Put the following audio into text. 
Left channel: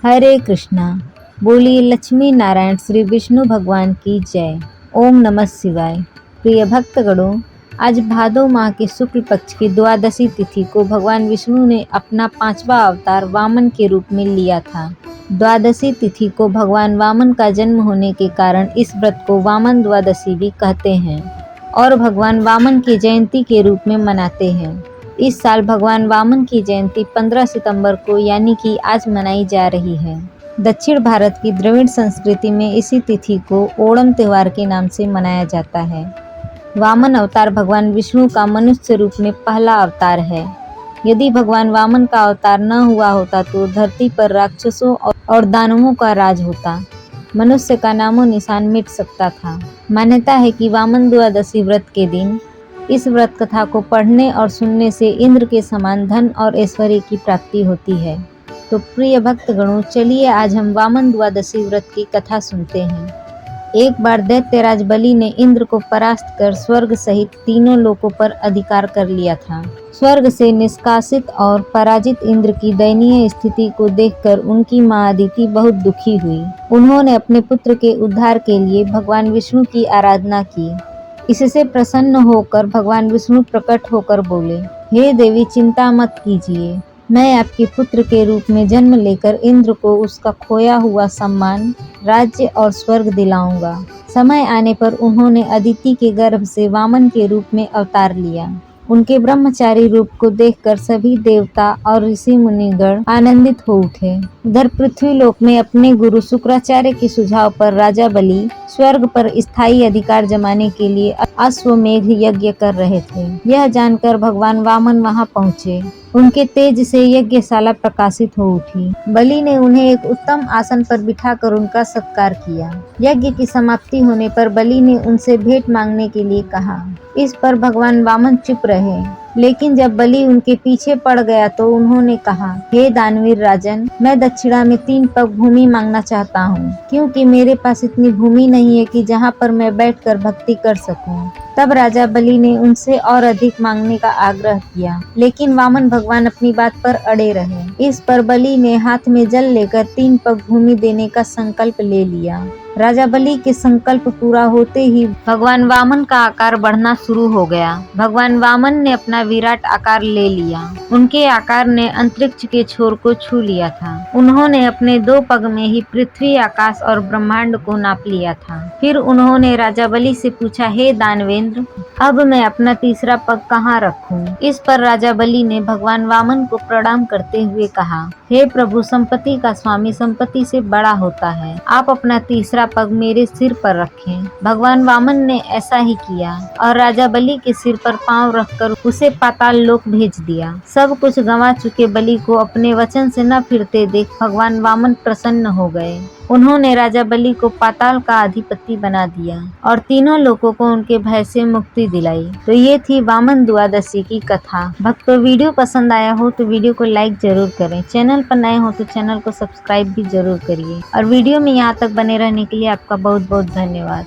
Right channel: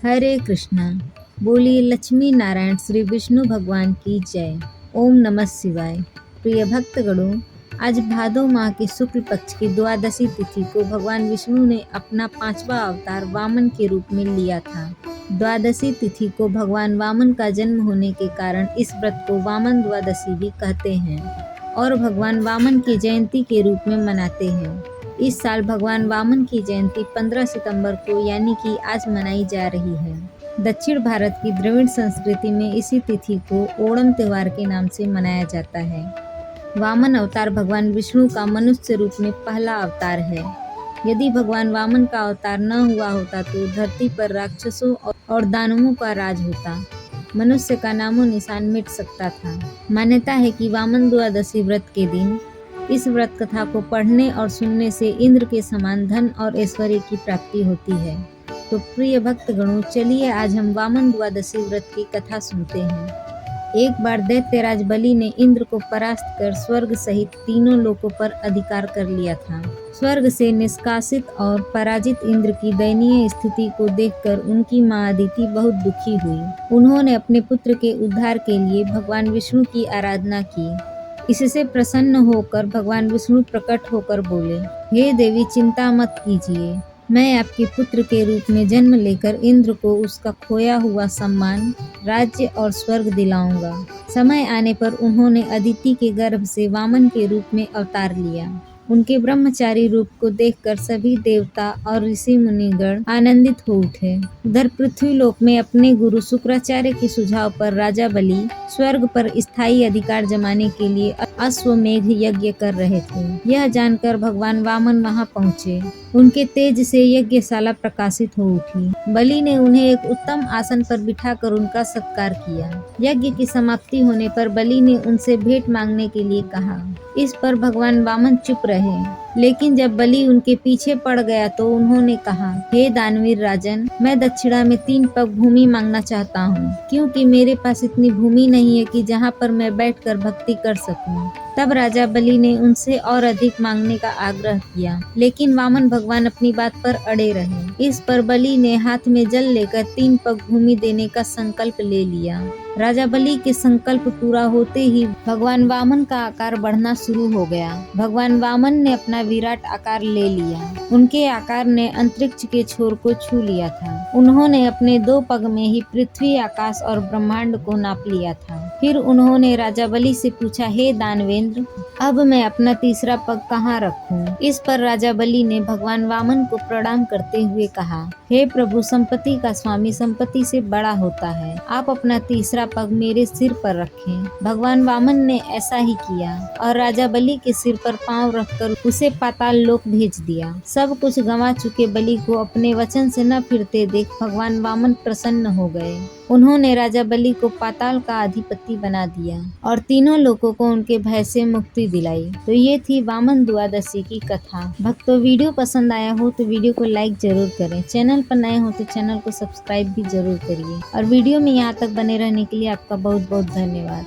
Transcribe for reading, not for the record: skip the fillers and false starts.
हरे कृष्णा। बोलिए लक्ष्मी नारायण श्री विष्णु भगवान की जय। ओम नमः शिवाय। प्रिय भक्तगणों, आज भादो माह के शुक्ल पक्ष की द्वादशी तिथि को भगवान विष्णु ने अपना 5वां अवतार वामन के रूप में लिया था। द्वादशी तिथि को भगवान वामन का जन्म होने के कारण इस व्रत को वामन द्वादशी भी कहते हैं और भगवान वामन की जयंती के रूप में मनाते हैं। इस साल भगवान वामन की जयंती 15 सितंबर को यानी कि आज मनाई जा रही है। दक्षिण भारत की द्रविड़ संस्कृति में इसी तिथि को ओणम त्योहार के नाम से मनाया जाता है। वामन अवतार भगवान विष्णु का मनुष्य रूप में पहला अवतार है। यदि भगवान वामन का अवतार न हुआ होता तो धरती पर राक्षसों और दानवों का राज होता। मनुष्य का नामो निशान मिट सकता था। मान्यता है कि वामन द्वादशी व्रत के दिन इस व्रत कथा को पढ़ने और सुनने से इंद्र के समान धन और ऐश्वर्य की प्राप्ति होती है। तो प्रिय भक्तगणों, चलिए आज हम वामन द्वादशी व्रत की कथा सुनते हैं। एक बार दैत्यराज बलि ने इंद्र को परास्त कर स्वर्ग सहित तीनों लोकों पर अधिकार कर लिया था। स्वर्ग से निष्कासित और पराजित इंद्र की दयनीय स्थिति को देखकर उनकी मां अदिति बहुत दुखी हुई। उन्होंने अपने पुत्र के उद्धार के लिए भगवान विष्णु की आराधना की। इससे प्रसन्न होकर भगवान विष्णु प्रकट होकर बोले, हे देवी, चिंता मत कीजिए, मैं आपके पुत्र के रूप में जन्म लेकर इंद्र को उसका खोया हुआ सम्मान, राज्य और स्वर्ग दिलाऊंगा। समय आने पर उन्होंने अदिति के गर्भ से वामन के रूप में अवतार लिया। उनके ब्रह्मचारी रूप को देखकर सभी देवता और ऋषि मुनिगण आनंदित हो उठे। उधर पृथ्वीलोक में अपने गुरु शुक्राचार्य के सुझाव पर राजा बलि स्वर्ग पर स्थायी अधिकार जमाने के लिए अश्वमेघ यज्ञ कर रहे थे। यह जानकर भगवान वामन वहां पहुंचे। उनके तेज से यज्ञशाला प्रकाशित हो उठी। बलि ने उन्हें एक उत्तम आसन पर बिठाकर उनका सत्कार किया। यज्ञ की समाप्ति होने पर बलि ने उनसे भेंट मांगने के लिए कहा। इस पर भगवान वामन चुप रहे, लेकिन जब बलि उनके पीछे पड़ गया तो उन्होंने कहा, हे दानवीर राजन, मैं दक्षिणा में 3 पग भूमि मांगना चाहता हूँ, क्योंकि मेरे पास इतनी भूमि नहीं है कि जहाँ पर मैं बैठकर भक्ति कर सकूं। तब राजा बलि ने उनसे और अधिक मांगने का आग्रह किया, लेकिन वामन भगवान अपनी बात पर अड़े रहे। इस पर बलि ने हाथ में जल लेकर 3 पग भूमि देने का संकल्प ले लिया। राजा बलि के संकल्प पूरा होते ही भगवान वामन का आकार बढ़ना शुरू हो गया। भगवान वामन ने अपना विराट आकार ले लिया। उनके आकार ने अंतरिक्ष के छोर को छू लिया था। उन्होंने अपने 2 पग में ही पृथ्वी, आकाश और ब्रह्मांड को नाप लिया था। फिर उन्होंने राजा बलि से पूछा, हे दानवेंद्र, अब मैं अपना तीसरा पग कहाँ रखूं? इस पर राजा बलि ने भगवान वामन को प्रणाम करते हुए कहा, हे प्रभु, संपत्ति का स्वामी संपत्ति से बड़ा होता है। आप अपना तीसरा पग मेरे सिर पर रखें। भगवान वामन ने ऐसा ही किया और राजा बलि के सिर पर पांव रखकर उसे पाताल लोक भेज दिया। सब कुछ गंवा चुके बलि को अपने वचन से न फिरते देख भगवान वामन प्रसन्न हो गए। उन्होंने राजा बलि को पाताल का अधिपति बना दिया और तीनों लोगों को उनके भय से मुक्ति दिलाई। तो ये थी वामन द्वादशी की कथा। भक्तों, वीडियो पसंद आया हो तो वीडियो को लाइक जरूर करें। चैनल पर नए हो तो चैनल को सब्सक्राइब भी जरूर करिए और वीडियो में यहाँ तक बने रहने के लिए आपका बहुत बहुत धन्यवाद।